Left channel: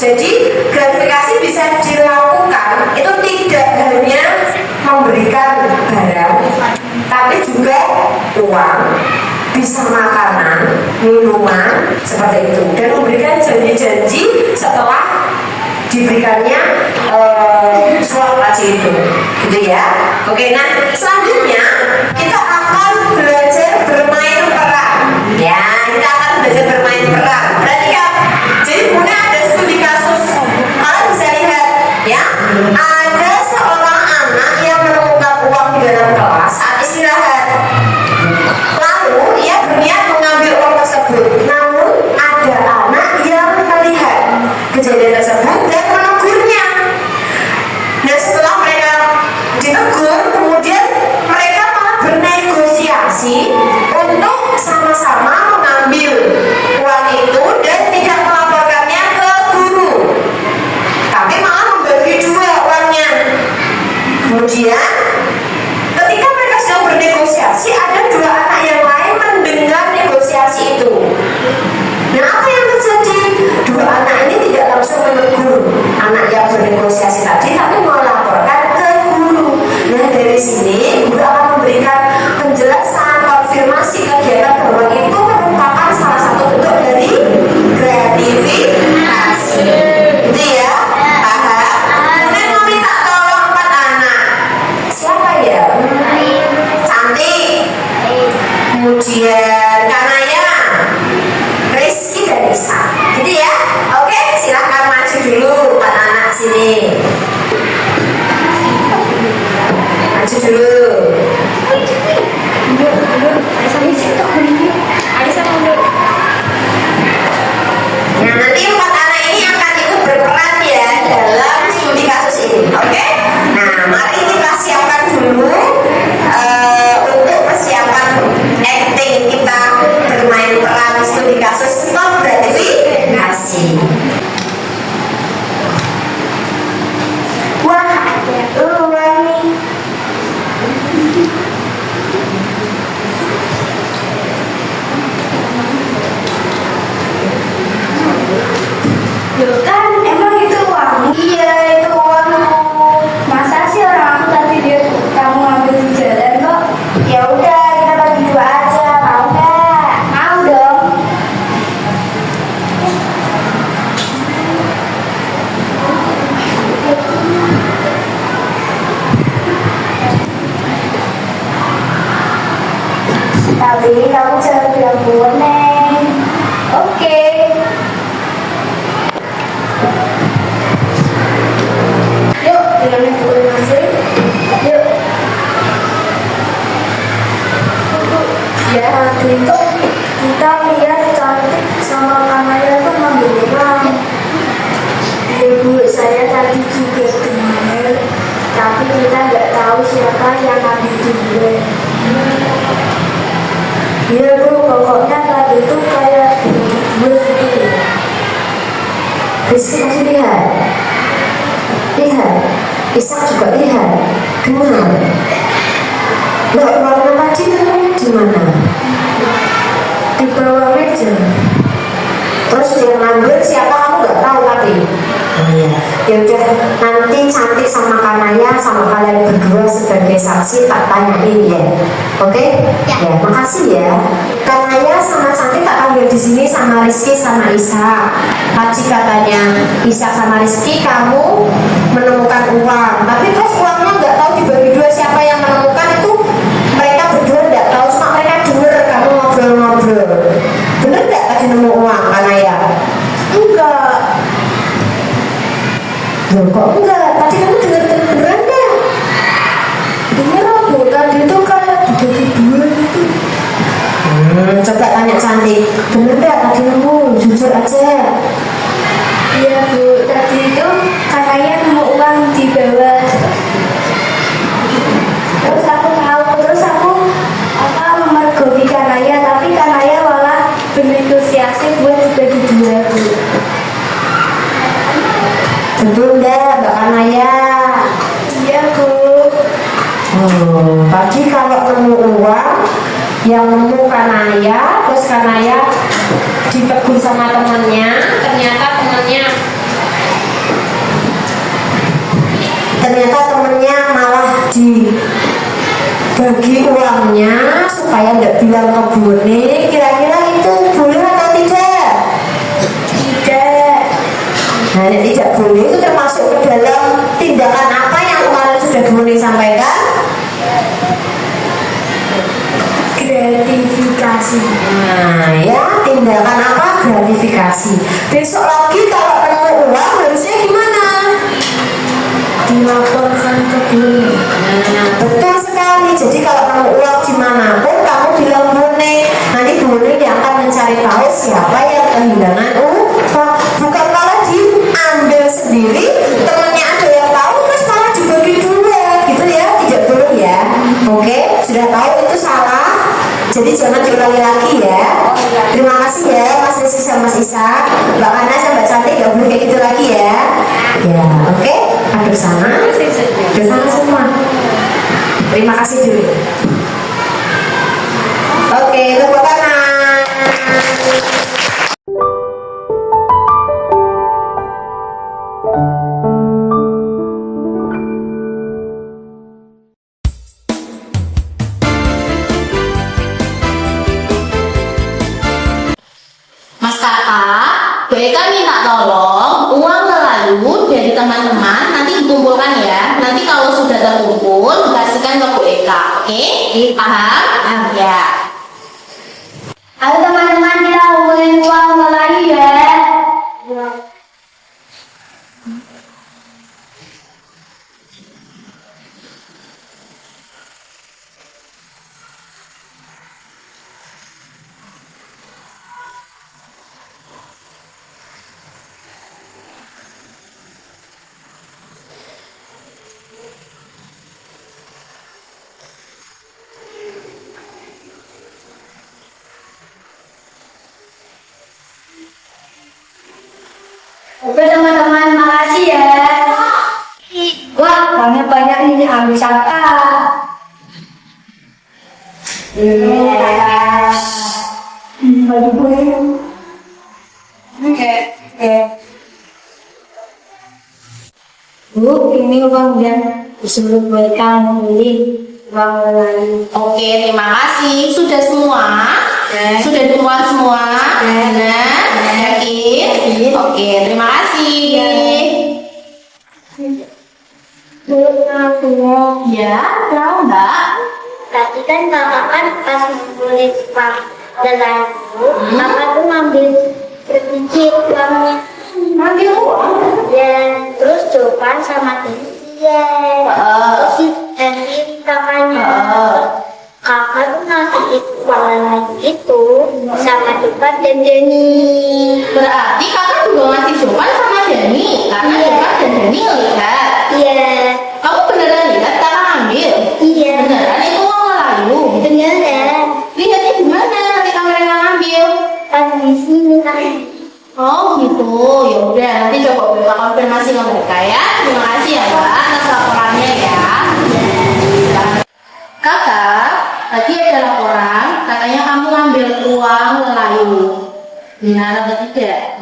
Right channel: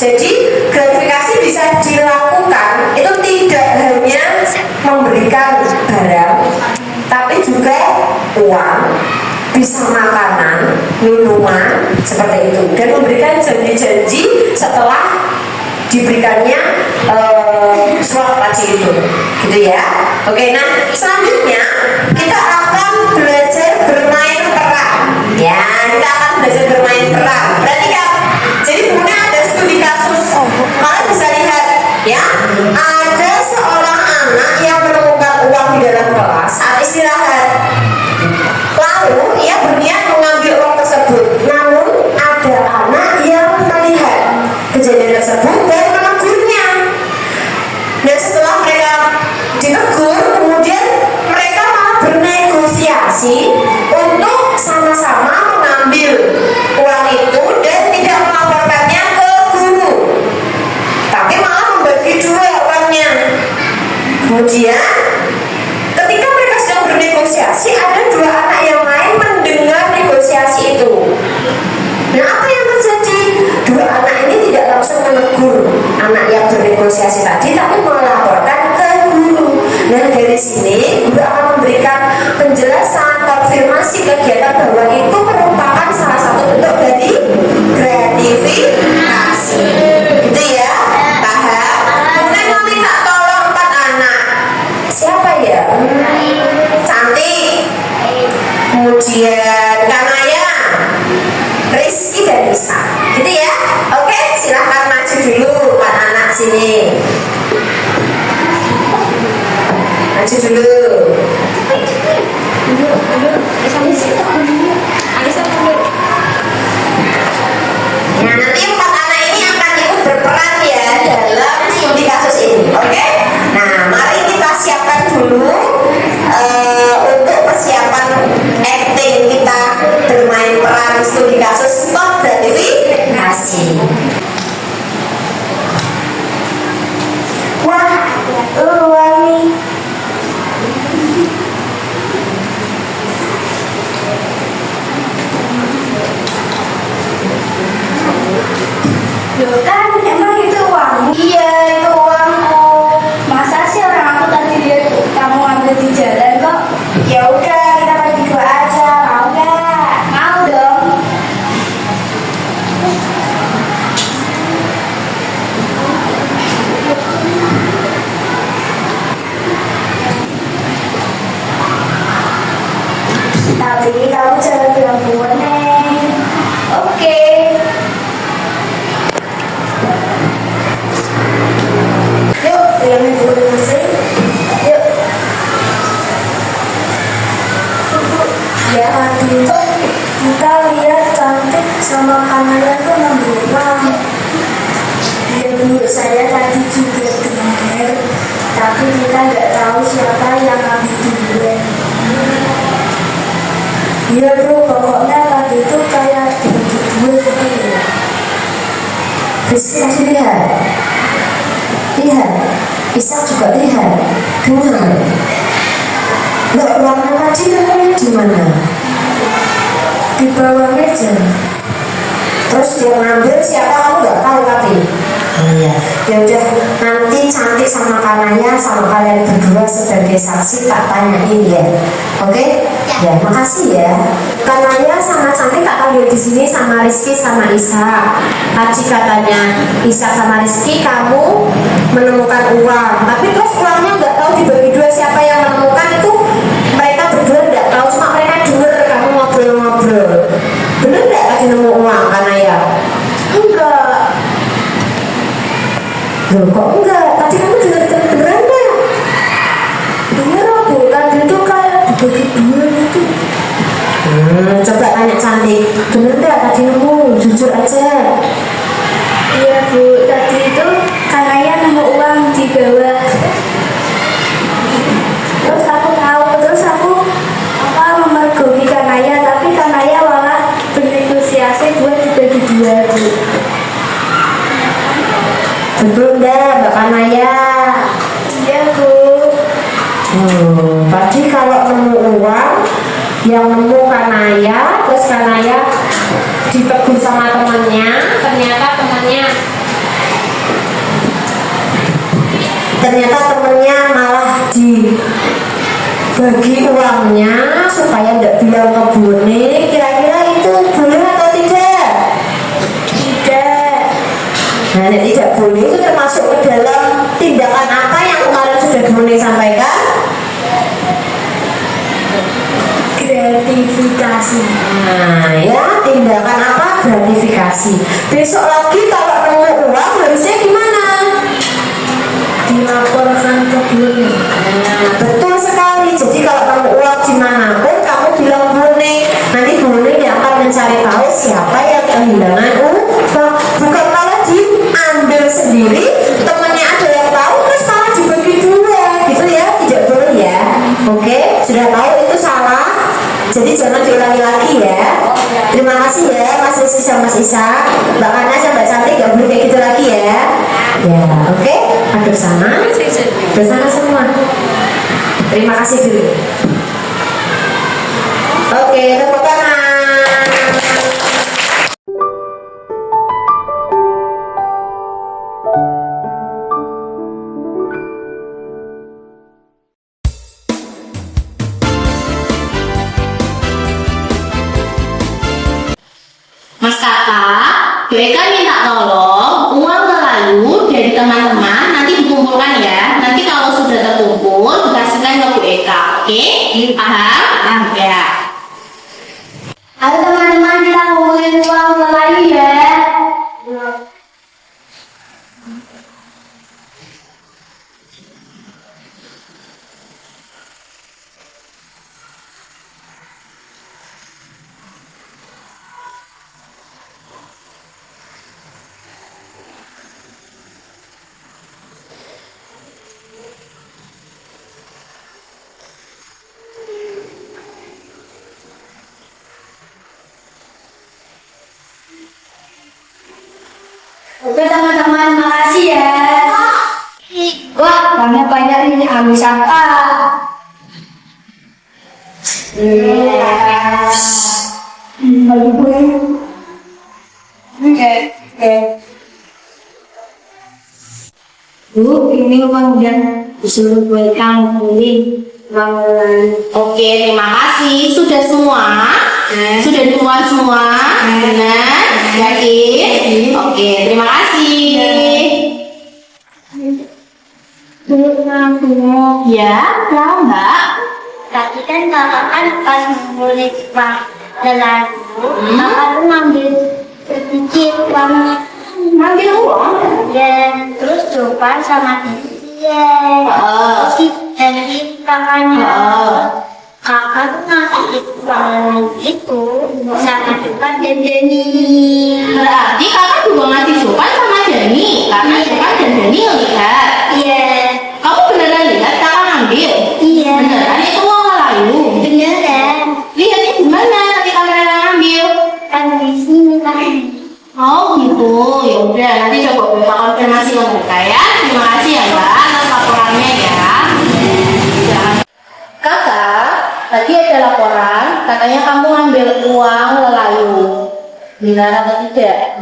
Jadi gratifikasi bisa dilakukan itu tidak hanya memberikan barang, tapi juga uang, bisa makanan, minuman seperti itu, dan memberikan janji-janji setelah diberikannya surat wajib itu, gitu ya. Oke, nah selanjutnya kita akan belajar bermain peran. Ya, kita akan belajar bermain peran. Perhatikan, jadi punya ada studi kasus. Kalian bisa lihat, ya, ada seorang anak yang menemukan uang di dalam kelas saat istirahat. Lalu ia berniat mengambil uang tersebut, namun ada anak yang melihat kejadian tersebut dan menegurnya. Nah, setelah mereka ditegur, kemudian mereka malah bernegosiasi untuk sama-sama mengambil uang itu dan tidak melaporkannya ke guru, tapi malah membagi dua uangnya. Kemudian ketika mereka sedang bernegosiasi, ada dua anak yang lain mendengar negosiasi itu. Nah, apa yang terjadi? Dua anak ini tidak langsung menegur anak yang bernegosiasi tadi, tapi melaporkan ke guru. Nah, dari sini guru akan memberikan penjelasan, konfirmasi kegiatan bahwa itu merupakan salah satu bentuk dari gratifikasi. Gitu ya, paham? Kemudian meminta tolong 4 anak. Siapa ya? Cantik, kemudian Kanaya, Rizky dan Isa, gitu ya. Oke, silahkan maju dulu 4 anak sini. Maju dulu. Ya, nanti 4 anak ini akan ikut berperan ya dalam studi kasus ini. Oke. Nah, mari kita siapkan dulu untuk persiapan acting kita bermain peran studi kasus stop gratifikasi. Wah, ada uang nih. Loh kan, emang itu uang? Iya, itu uangku. Masa sih orang aku tadi lihat kamu ambil di jalan kok? Ya udah, kita bagi 2 aja, mau nggak? Mau dong. Tapi kamu jangan bilang buat Neng. Oke. Yuk, dengan buku masing. Yuk. Ya, tadi itu kita lihat Cantik sama Kanaya tuh ngambil uang. Ya Bu, saya tadi juga dengar, tapi kita nggak tahu siapa yang ngambil duluan. Iya Bu, pokoknya tadi itu kayak dua gitu ya. Rizky masih lihat. Lihat, Ishak juga lihat. Dengar. Loh, uangnya tadi nemunya di mana? Di bawah meja. Terus yang ngambil siapa kamu nggak tahu tadi? Oh iya. Ya udah, nanti Cantik sama Kanaya sama kalian berdua sebagai saksi tak tanyain ya. Oke? Ya, makasih ya. Kanaya sama Cantik tak panggil di sini sama Rizky sama Isa. Tadi katanya Isa sama Rizky kamu menemukan uang, tapi terus uangnya nggak tahu dibagi 2 siapa yang menemukan itu. Mereka berdua nggak tahu, cuma mereka dengar kamu ngobrol-ngobrol. Bener nggak tadi nemu uang Kanaya? Enggak. Loh, kok enggak? Tadi kamu dengar beneran nggak? Dengar aku, tadi itu kayak dibagi 2 gitu. Coba tanya Cantik, bener nggak tadi nemu? Jujur aja. Iya Bu, tadi itu Kanaya nemu uang di bawah. Terus aku tahu, terus aku memergoki Kanaya, tapi Kanaya malah bernegosiasi buat dibagi 2 Bu. Betul nggak Mbak Kanaya? Iya Bu. Tadi kalau nemu uang yang nemu Kanaya, terus Kanaya ditegur sama temannya, ternyata temannya bagi uangnya supaya nggak bilang ke Bune, kira-kira itu boleh atau tidak? Tidak. Nah, tidak boleh itu termasuk ke dalam tindakan apa yang kemarin sudah Bune sampaikan? Gratifikasi. Nah, ya, tindakan apa? Gratifikasi. Besok lagi kalau nemu uang harusnya gimana? Dilaporkan ke Bune. Nah, betul sekali. Jadi kalau nemu uang dimanapun kamu bilang Bune, nanti Bune yang akan mencari tahu siapa yang kehilangan uang. Bukan kalau diambil sendiri, temannya ada yang tahu terus malah dibagi dua, gitu ya? Tidak boleh ya. Oke, sudah tahu itu salah. Jadi jangan diulangi lagi ya. Terima kasih ya Mas Rizky sama Mas Isa. Mbak Ana sama Mbak Cantik gak boleh kayak gitu lagi ya. Ya, oke. Hampir sana. Hampir sana semua. Terima kasih dulu. Oke, tepuk tangan. Mas Kakak, Bu Eka minta tolong uang Melayu dari teman-teman nanti dikumpulkan ya. Nanti kalau sudah terkumpul dikasihkan ke Bu Eka. Oke? Paham? Ya. Ayo teman-teman kita ngumpulin uang Melayu ya. Oke teman-teman, makasih ya. Wah, banyak-banyak ini habis apa? Bagi gue. Oke. Bu, ini uang yang disuruh buat kamu beli uang lain. Oke, terima kasih. Sudah semua? Sudah dikumpulkan semua? Benar? Yakin? Oke, terima kasih. Bu, ngakunya. Ya, kenapa Mbak? Tapi kan kakak kan pas ngumpulin uang lelaku, kakak tuh ngambil sedikit uangnya. Ngambil uang? Ya, terus coba sama dia. Terus dari kakaknya. Kakak tuh ngasih uang lain itu sama Jopan dan Denny. Berarti kakak juga ngasih Jopan sama Dani karena Jopan dan Dani lihat. Iya. Kamu beneran lihat kakak ngambil? Iya. Beneran itu uang Melayu? Beneran. Lihatnya di mana nanti kamera ngambil? Kan di sini kan. Oh gitu, ya udah nanti coba kita konfirmasi ke mereka ya. Terima kasih ya Mbak atas laporannya ya. Kakak, tadi ada laporan katanya kamu ngambil uang Melayu. Benar atau tidak?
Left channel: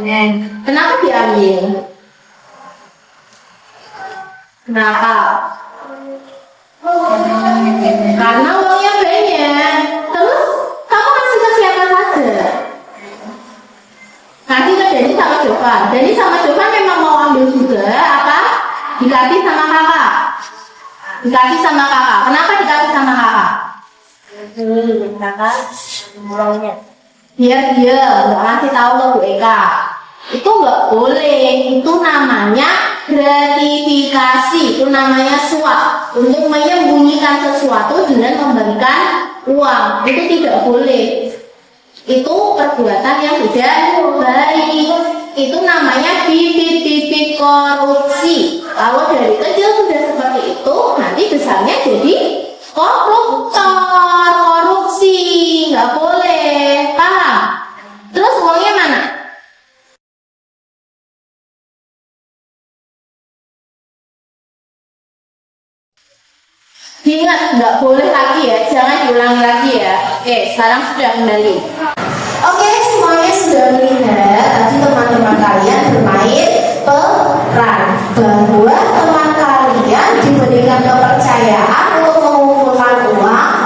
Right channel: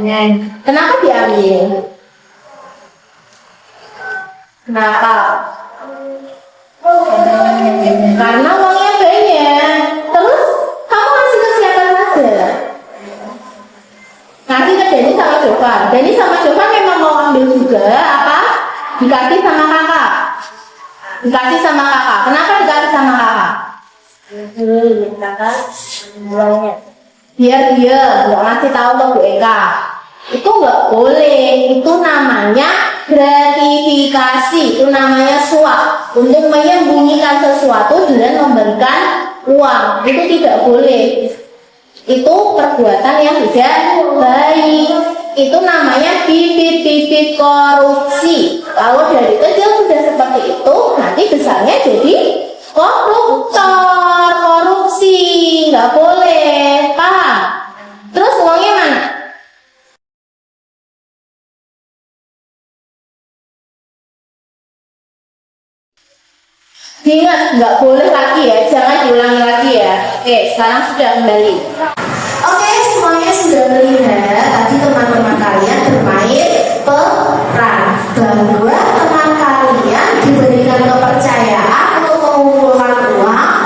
Kenapa diambil? Kenapa? Karena uangnya banyak. Terus kamu kasih ke siapa saja? Nanti ke Dani sama Jovan. Dani sama Jovan memang mau ambil juga apa? Dikasih sama kakak. Dikasih sama kakak. Kenapa dikasih sama kakak? Kakak uangnya. Biar dia nggak ngasih tahu ke Bu Eka. Itu nggak boleh. Itu namanya gratifikasi. Itu namanya suap. Untuk menyembunyikan sesuatu dengan memberikan uang. Itu tidak boleh. Itu perbuatan yang tidak baik. Itu namanya bibit-bibit korupsi. Kalau dari kecil sudah seperti itu, nanti besarnya jadi koruptor, korupsi, nggak boleh, paham? Terus uangnya mana? Ingat, nggak boleh lagi ya, jangan diulangi lagi ya. Oke, sekarang sudah kembali. Oke, semuanya sudah melihat tadi teman-teman kalian bermain peran bahwa teman kalian diberikan kepercayaan untuk mengumpulkan uang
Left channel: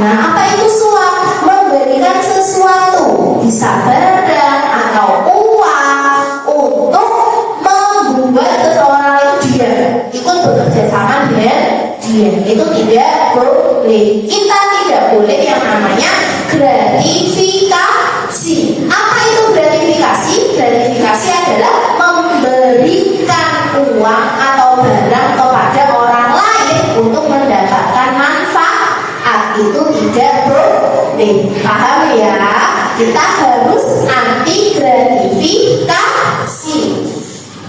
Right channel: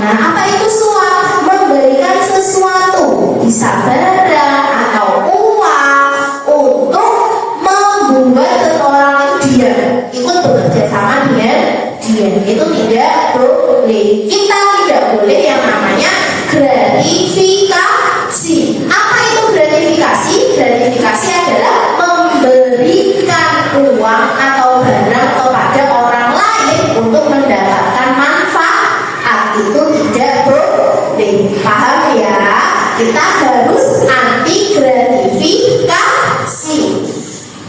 Nah, apa itu suap? Memberikan sesuatu, bisa barang atau uang untuk membuat seseorang diam, ikut bekerja sama dengan dia. Itu tidak boleh. Kita tidak boleh yang namanya gratifikasi. Apa itu gratifikasi? Gratifikasi adalah memberikan uang atau barang kepada orang lain untuk mendapatkan manfaat. Itu tidak boleh. Paham ya? Kita harus anti gratifikasi.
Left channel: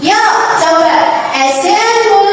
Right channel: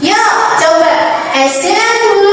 Yuk coba SDN dulu.